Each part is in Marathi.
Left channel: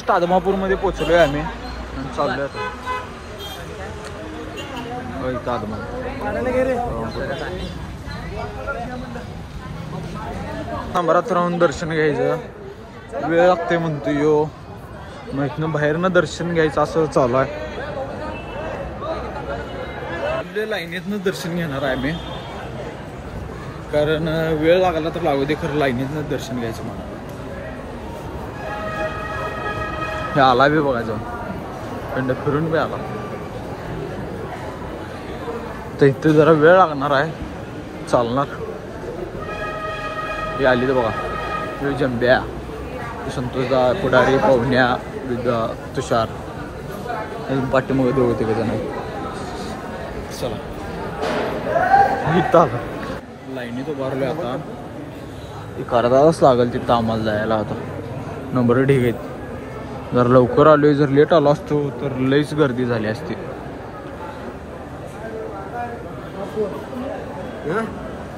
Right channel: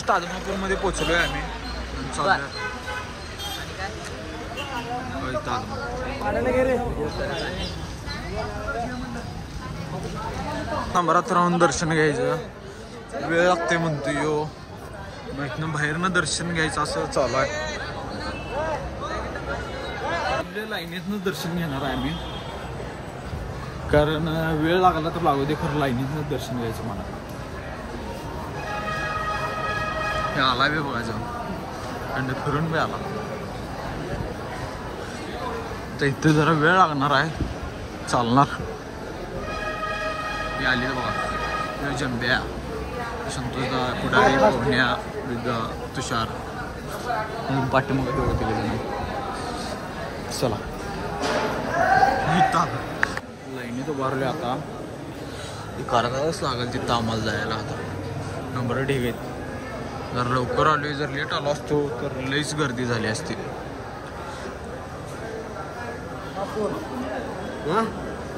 जस्ट आदमापूरमध्ये पोहोचलोय आम्ही आणि चाललोय आता नंबरात राहून दर्शन घ्यायचं. वेळ लागते म्हणतो यो, मग इथनं बाहेरनं दर्शन घ्यायचं असं चालू आहे. लाईनीतनं दर्शन घेणार आहे मी, कारण वेळ लागला तर लागू दे, खरं लाईनीतनं दर्शन घ्यायचं मला. हे आला बी बघायचं, खंड फिरून बी आला. तर इथे जरा वेळ लागणार आहे, चालणार. हे आली तर बघा, हे जंब्या, संतोषदा, पुढारी, पवन्या, विद्या, तुषार, पाठीमागे दोघं तिघ जण आहे. चला इथं लाईनीत उभारले आता, एक अर्धा तास लागेल तिथं आम्हाला जायला. आता नंबर ठीक आहे. जर लवकर आलोय, जर लेट आलो असतो तर लईच गर्दी झाली असती.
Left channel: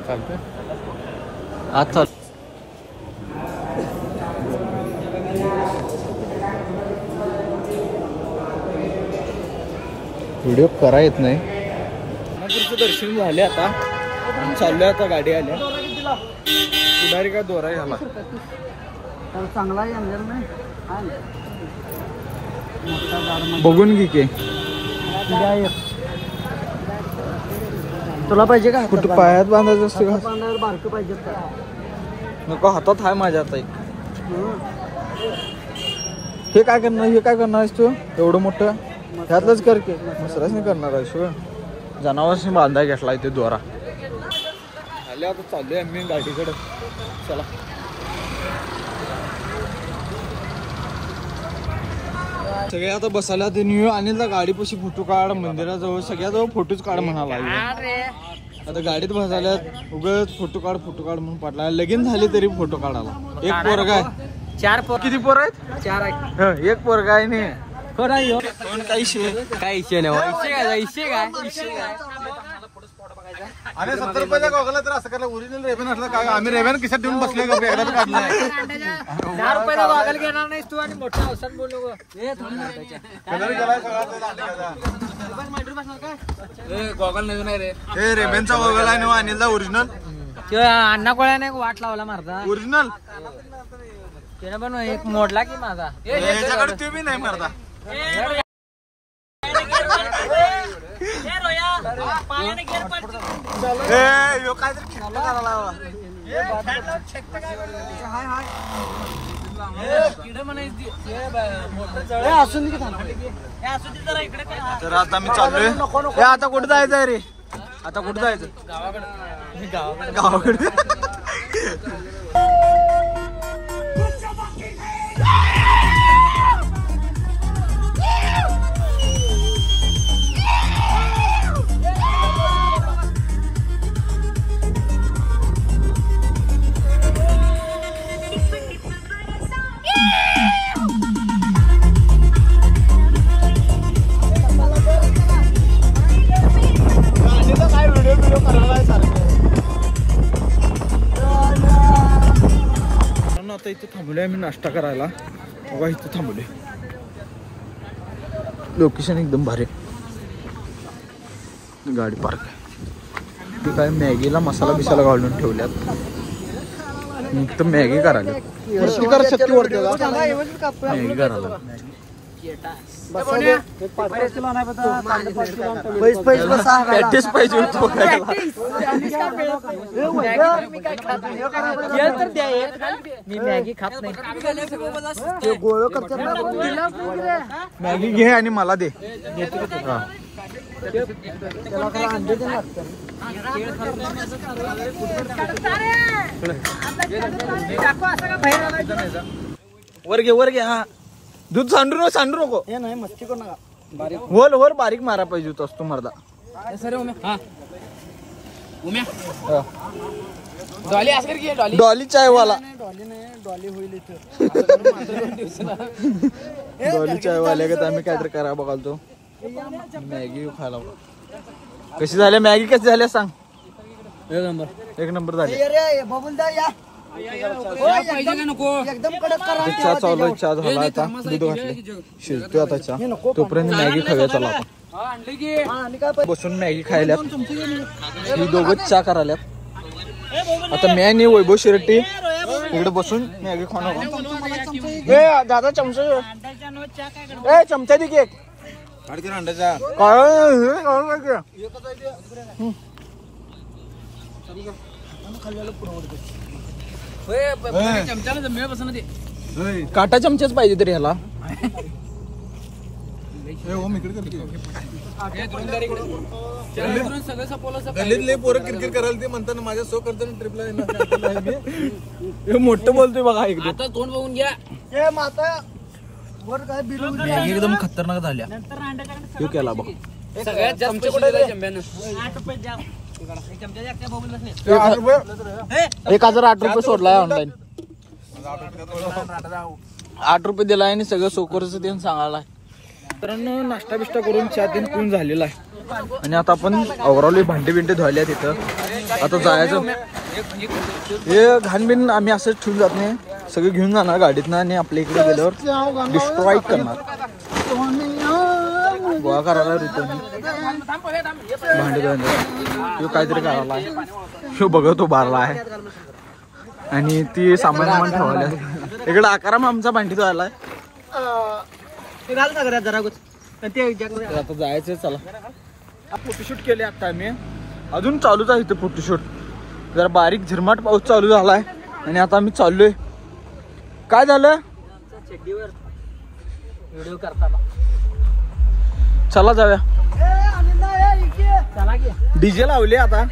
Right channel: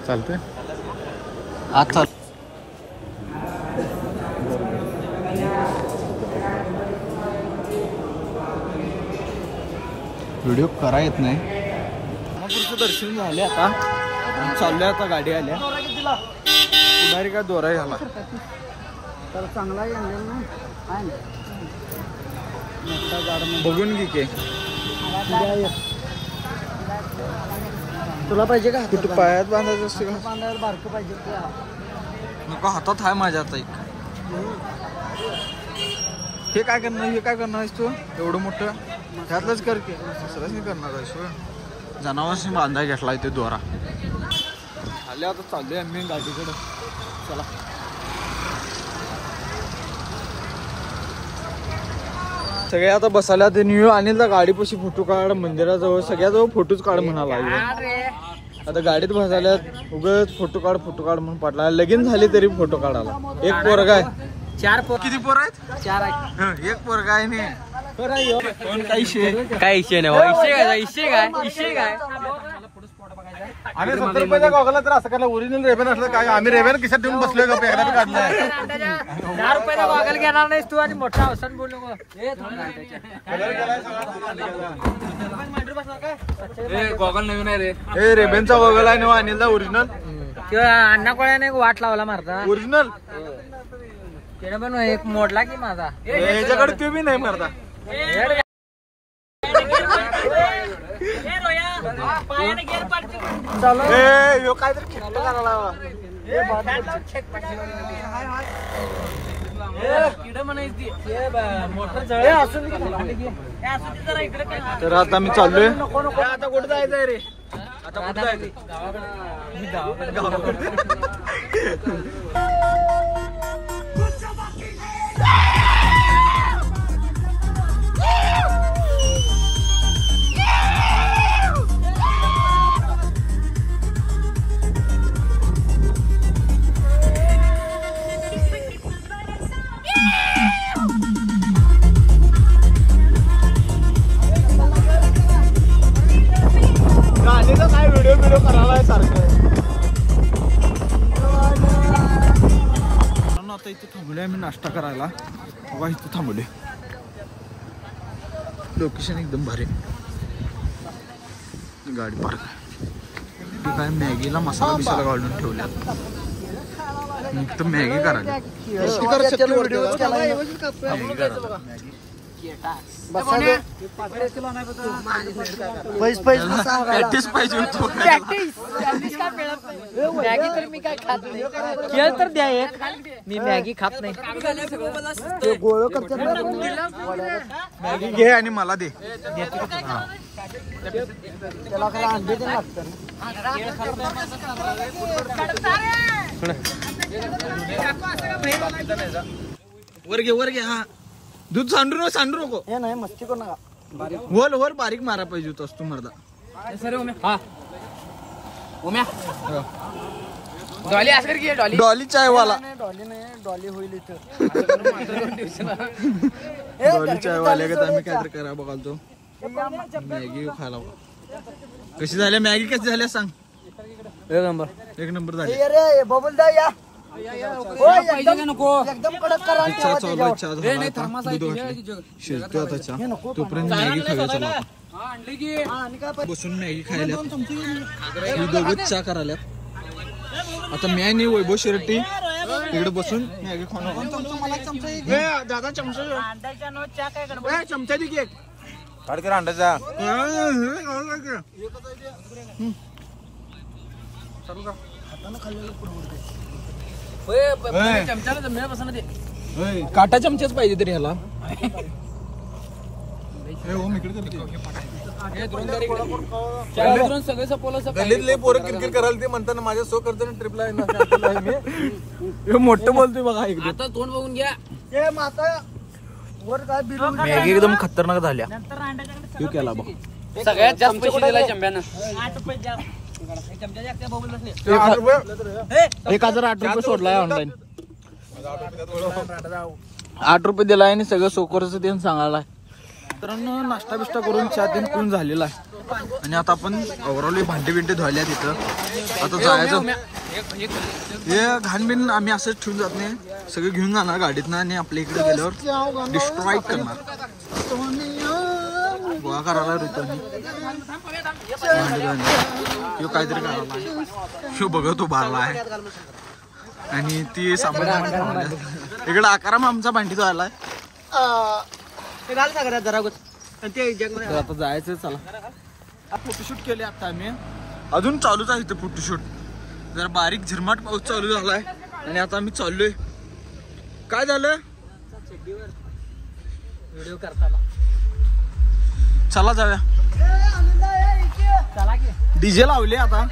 चालतंय आज चाल. व्हिडिओ करा येत नाही. पुढचं दर्शन झाले आता, चाललोय आता. गाडी आल्या, पुढारी काय दोरा झाला चांगला बघून घे की. तुला पाहिजे का? पायात बांधायचं असतं का? बांधायला बारकं पाहिजे का? नको, हातात आहे माझ्या आता एक. हे काय करणार, हे काय करणार आहेस तू एवढं मोठं? ह्यातलंच कर की, दुसराच नाही करणार आहेस तू. जनावरशी बांधाय घेतला इथे दोरा. आले आता, चाललोय आम्ही गाडीकडे. चला सगळे आता बसायला. ते न्यू अनिलला गाडीपाशी फोटो काढ, मंदिराजवळ सगळ्याजवळ फोटोच काढ म्हणाला. आता गाडीत बसायल्यात, उगाच फोटो काढ म्हणून पाटला. लगीन झाले तरी फोटो काढायला. एक पोरगा आहे, 4 किती पोर आहेत? 4 आहेत. एक पोरगा आहे नाही. काय इशे काय आणि 70 रुपयाचा गॉगल तर असं करायला. ओरिजिनल रेबन असलं काय, आम्ही रेबन खिशात ठेवून बसलोय का? एकदा काढलाय. 10 रुपयाला गॉगल घेणार नाहीस तू, आणि मोठा अवसान बोल नको. गॉगल नवीन आहे रे. हे रेबनचा गॉगल आहे ना अनिलचा ओरिजिनल. अण्णा कोळ्याने वाट लावला मारता ओरिजिनल. त्याने पण एक मोडला की माझा. याच्याकडे ते बी नाही मारता. काहीतरी करायला. तर आता मी चाललोय. आता कुठे जायचंय रे? आता कुठे जायचं? गावाकडे. काय व्हिडिओ करायला सारखं. आता इथे थांबलोय आम्ही नाश्ता करायला. बघा इथे थांबलोय. लोकेशन एकदम भारी. गाडी पार्क आहे. ते काय मॅगीला मसाला बिसाला घालून ठेवल्यात. तर मॅगी करायला. मॅगी करायला पॅटीस पाहिजे होतो. मी मॅगी खात नाही. मॅगी घे आणि मला दे. वर घे. हा दूध सांडू नको. हे नाही मस्ती करू नका. होल वर बारीक मारा पाहिजे होत असतो मर्दा. डॉली चायवाला. डॉली होईल इथं. डॉली चायवाल्या का आम्ही काहीतरी करा बघालतो. मॅगी खायला. कशी झाल्या मॅगी? कशी झाल्या सांग. एक नंबर झाली. बबल दा या. चहा चालू आहे, चहा झाला आता, दूध घातलं शिजतोय आता चहा. तोपर्यंत मॅगी खाऊया चला आपण. बसून मॅगी खायला ही दोघं चहा करायल्यात. आता मी आणि वैभव शिरट्टी इकडे बसून मॅगी खाणार. दादा चमचा चमचा दे की एक अंड्याचा काटा चमचेच पाहिजे तरी ह्याला. गल्लीतले पोरं क्रिकेट करायला ते म्हणताना माझ्या सो करताना ट्रिपला मोठं बोलतोय बघा एकदम. आता तोंड बघून घ्या. मॅगी एकदम खतरनाक झाल्या. तू केला बघ सगळ्यात जास्त पैसे दिलाय चंब्यानं. 1008 रुपये सोडलाय ऑनलाईन. 8 रुपये दिलाय आणि सगळं सोकरच ते सांगायलाय. तर नाश्ता बिष्टा करून चहा तीन पिऊन झालेला आहे आणि आता आपण आवरावली भांडे बिंडे धुवायला तिथं. आता जायचं. हे घाण बिन आम्ही असंच ठेवून जात नाही, सगळं घेऊन जाणार गाडीतनं आणि आपल्या इकडे गेल्यावर डिस्ट्रॉय करणार. गोळा करायला ऋतूनी भांडे धुवायला. ह्यो काहीतरी करायला आहे, ह्यो बघतो बारला आहे आणि ती सामान सामान ठेवायला. इकडे आकाराम आमचा भांडी धुवायला आहे. आता जायचं चला. फोटोशूट केले आता आम्ही, अजून चालूच आहे इथे फोटोशूट. जरा बारीक झिरमाट पाऊस चालू झालाय आणि आता आम्ही चाललोय. काय झालं चला जाऊया. डीजे लावले आता.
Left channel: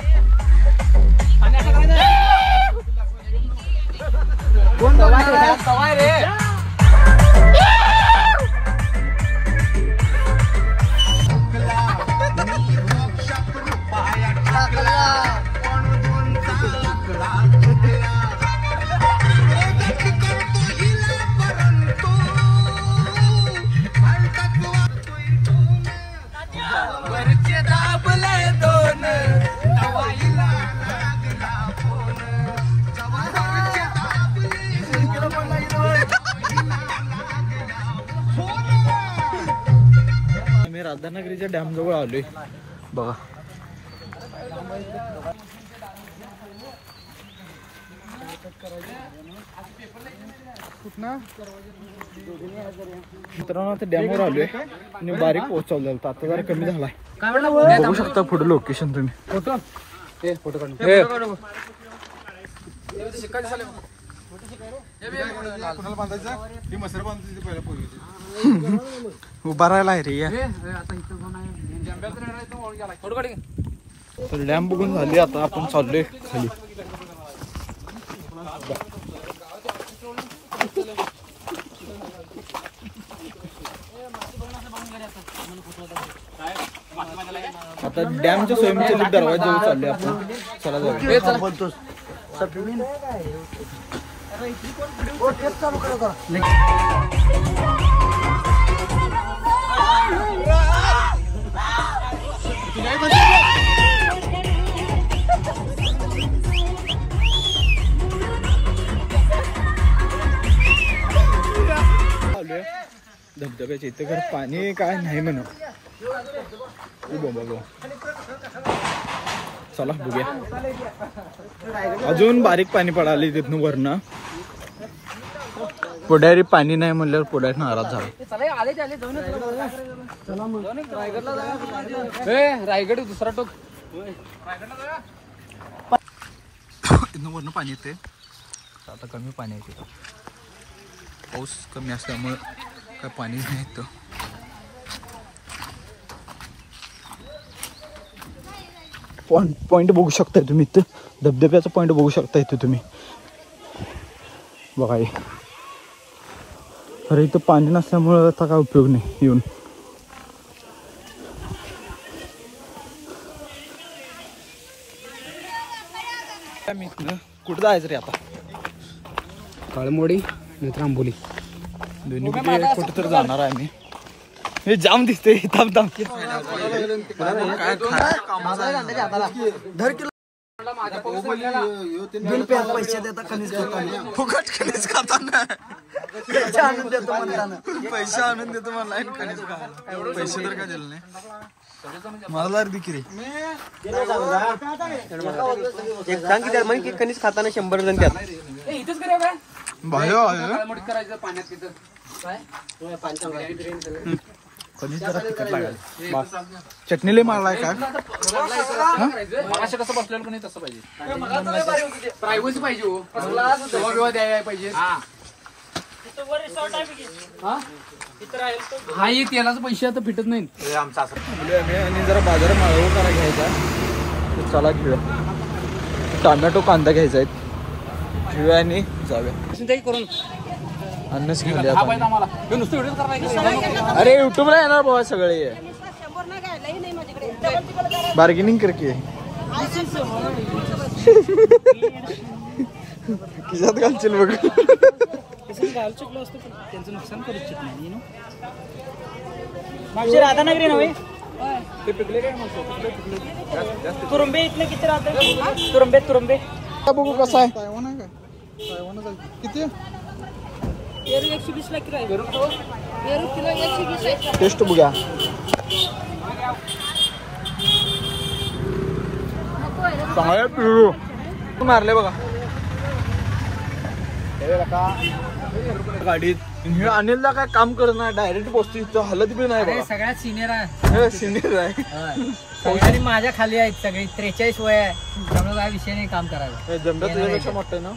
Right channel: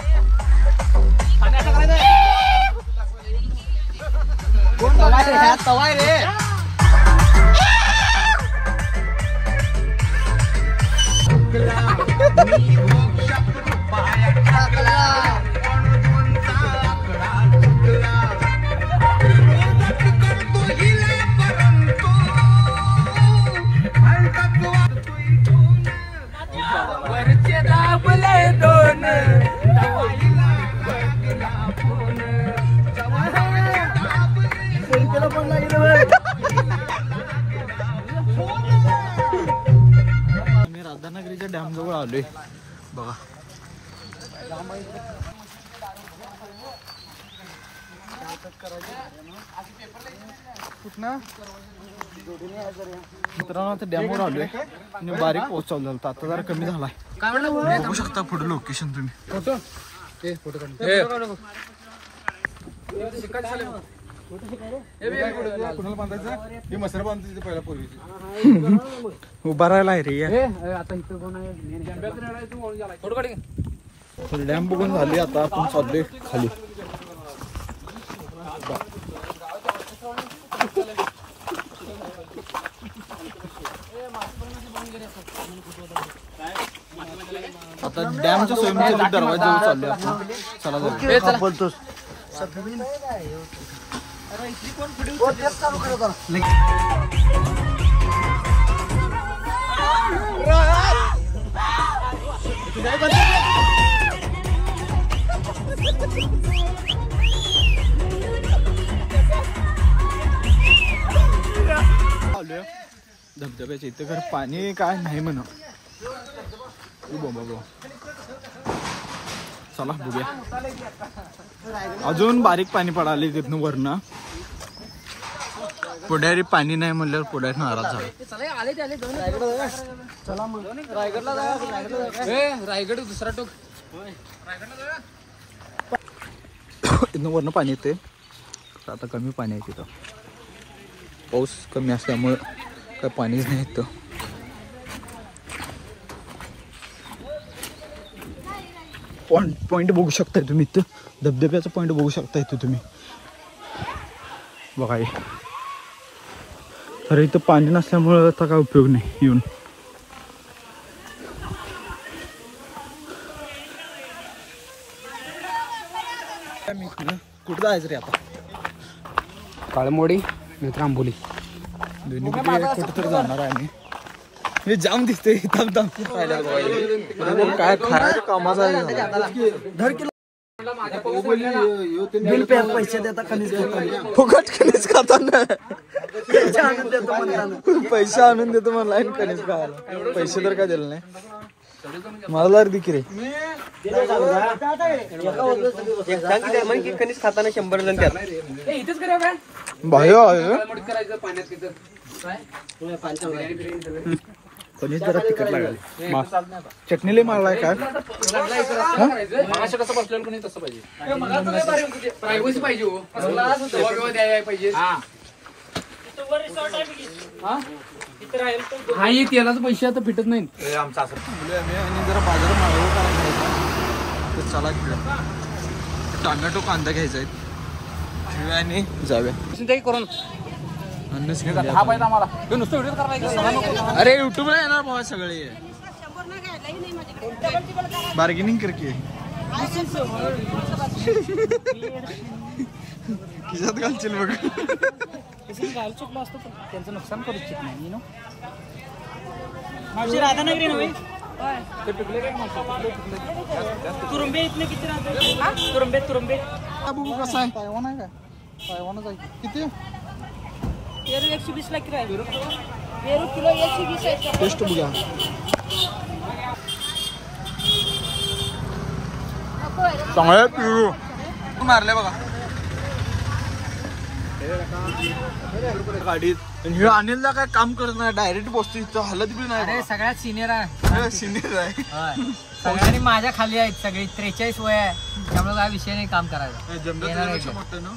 आम्ही राधानगरीच्या डॅम जवळ आलोय बघा. मित्रांनो आता डॅमवर आलोय आणि बारीक पाऊस चालू झाला. आता जरा कमी झालाय. बघू शकता पुढे लोकेशन तुम्ही. फोटो उभा राहिला आहे रे. डॅम बघून झाली. आता आपण चाललोय खाली. आता डॅमच्या स्वयंचलित दरवाजा चाललोय आपण. चला जाऊया. बोलतोस धबधब्याच्या इथे घर पाणी काय नाही म्हणा. चला बघूया. अजून बारीक पाणी पडाले तिथून वरनं. पुढारी पाणी नाही म्हणल्यावर पुढारी नाराज झाला. रायगड दुसरा टोक. इथनं वरनं पाणी येते. आता कमी पाणी आहे तिथं. पाऊस कमी असल्यामुळं काय पाणी नाही येतं. पॉइंट बघू शकताय तुम्ही इथं. धबधब्याचा पॉइंट बघू शकता इथं तुम्ही बघा. अरे इथं पाणी नसल्यामुळं आता काय उपयोग नाही येऊन. कुठं जायचं रे आता. काळमोडी नाहीतर आंबोली. दोन्ही कुठं तर जाणार आहे आम्ही. हे जाम दिसते. काय खायच्या कामाचा पैसे देता कणीस फुकट कणीस खाताना पैसे आणून देतो म्हणला कणीस खायला. पैसे तर काय दिले नाही मला बिक्री कणीस खाताना 100 जण त्यात बाहेर कणीस जरा तिखट लागले. चटणीला मारलाय काय कसं बसलं कोणी तसं पाहिजे प्रायव्हसी पाहिजे. हा ही तेलाचे पैसे आता फिटत नाही. आणि जरा बाजार माळव करा घ्यायचा तर चला घेऊया. टोमॅटो कांदा घ्यायचा आहे घेऊया आणि जाऊया. करून अन्नच घेऊन हा पाहिजे आम्हाला नुसतं व्हिडिओ करणार. अरे युट्यूबला येणार बाबा सगळे बार्गेनिंग कर की खिशात घालशील बघ. त्यांचं नुकसान करू इच्छित नाही नो राधानगरी नव्हे तुरुंबे इथले किती राहतात तुरुंबे बघू कसं आहे तायवान आहे का तायवानच आहे किती 120 ला किलो आहे किलो 120 आहे. टेस्ट बघा चांगलं पिरू मारले बघा गाडीत. अनिलला काय काम करत नाही डायरेक्ट बसतो इथं हलत बी नाही बघा. सगळ्यात सिनियर आहे सिनियर आहे सगळ्यांनी माझ्या खाली आहेत सगळी 43 वय आहे त्यामुळे काय विषय नाही काम करायला. जमला तुझ्यापेक्षा मोठं ना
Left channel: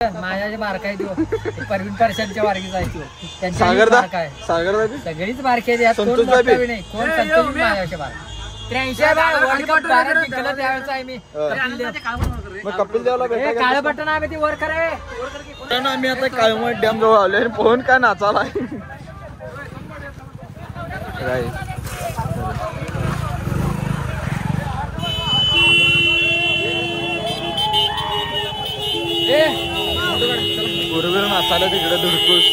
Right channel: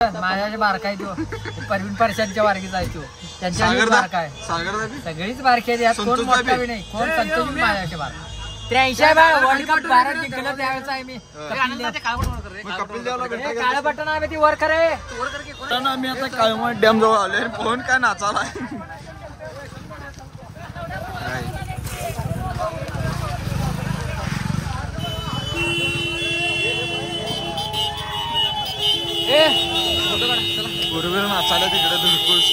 माझ्या जे बारका आहे तो परवीन परशांच्या बारकीचा आहे तो त्यांच्या सागरदा बारका आहे सागरदा बी सगळीच बारकी आहेत यात कोण संतोष मोठा बाबी. बी नाही कोण संतोष बी माझ्यापेक्षा बारका 83 वर्ल्ड कप भारत जिंकला त्यावेळेस आहे मी मग कपिल देवला भेटा काळे बटन आहे ती वर करे आम्ही आता काळमठ डॅम जवळ आलोय आणि पोहून काय नाचाला काय बरोबर नाचायला तिकडे धुडकूस